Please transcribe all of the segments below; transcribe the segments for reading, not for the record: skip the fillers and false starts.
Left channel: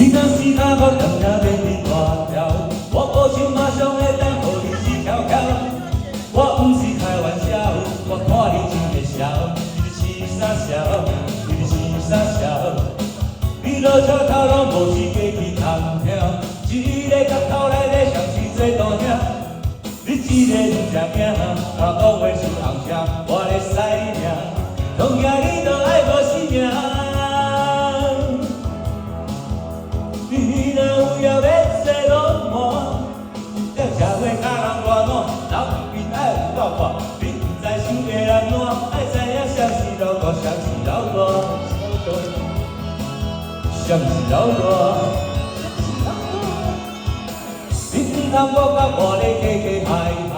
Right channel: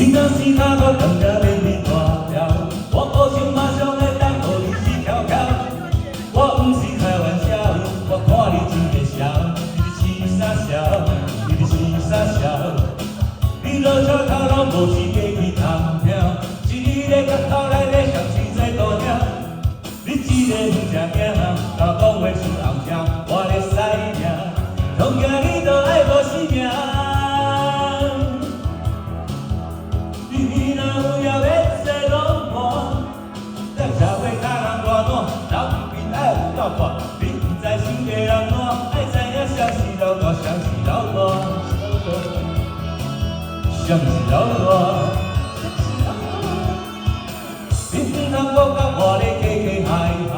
你若是较好，人家免你大条。我无想马上会当互你死翘翘。我毋是开玩笑，我看你真会笑，你是傻笑，你是傻笑。你落车头路无是过去探听，一个角头内底像是做大兄。你一个毋食惊，甲讲话伤红声，我咧使命，同样你都爱无生命。 你若有要要说拢满，这社会较人大满，人面爱有够宽。你毋知想个人烂，爱知影谁是老大，谁是老大，谁是老大。你毋通搁甲我咧客客气气，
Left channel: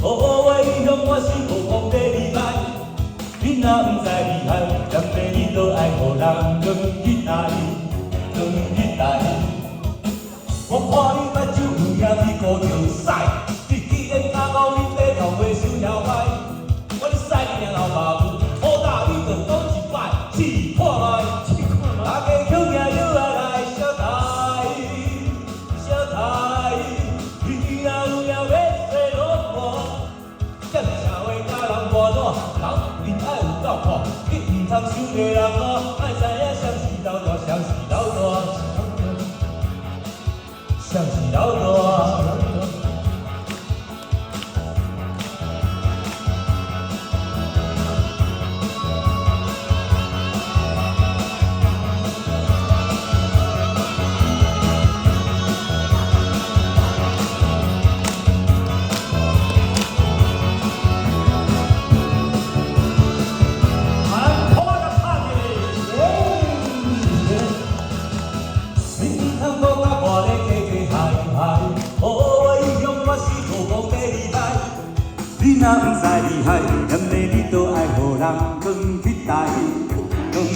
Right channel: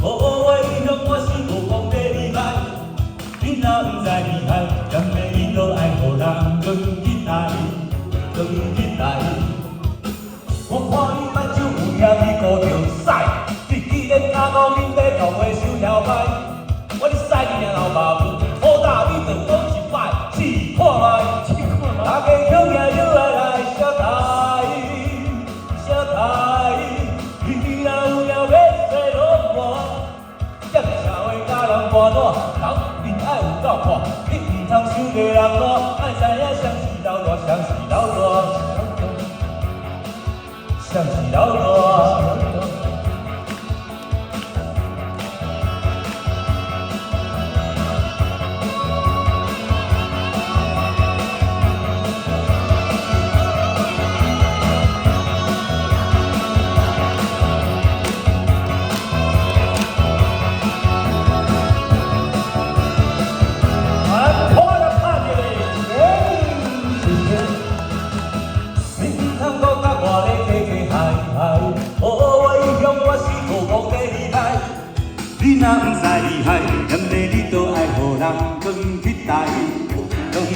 好好话伊向我是无讲要离开。你若毋知厉害，甘要你都爱互人讲起来。 我看你目睭有影，你顾着屎，你既然敢讲你要讲话收条牌，我哩屎你后爸母，好大你就讲一摆，试看卖，大家乡野又来小台，小台，你若有要说拢无，这个社会甲人大烂，人面爱有够宽，你毋通想个人烂，爱知影谁是老大，谁是老大。 谁是老大？你若毋知厉害，甘地你都爱互人讲起来，讲起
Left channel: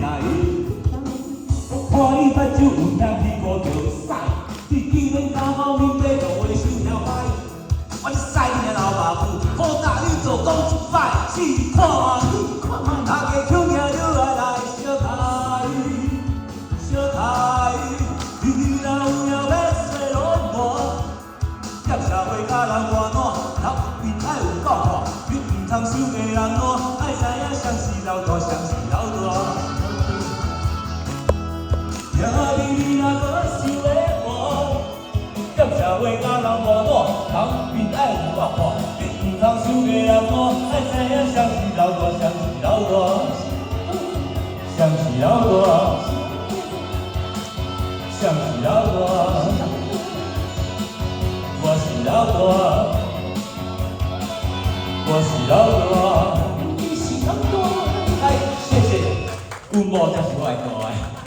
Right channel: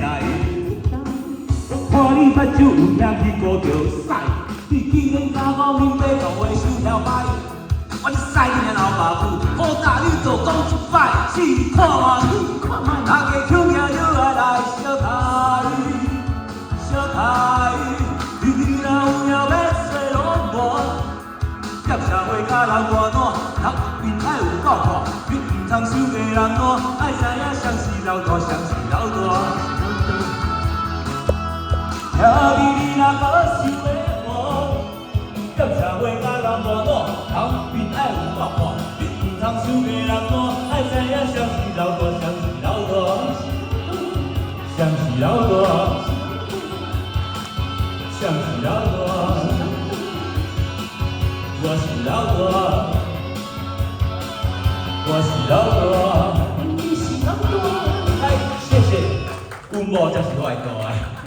来。我看你目睭有影，你顾着屎，你竟然敢讲你要讲话收条牌，我哩屎你老爸母，好大你就讲一摆，试看卖，大家乡野又来小台，小台，你若有要说拢无，这社会甲人大烂。 人面爱有够宽，你毋通想个人烂，爱知影谁是老大，谁是老大。请你若搁想要活，这社会甲人无烂，人面爱有够宽，你毋通想个人烂，爱知影谁是老大，谁是老大，谁是老大，谁是老大，我是老大。 我是老大，你是老大。哎，谢谢，有我才是我的大爱。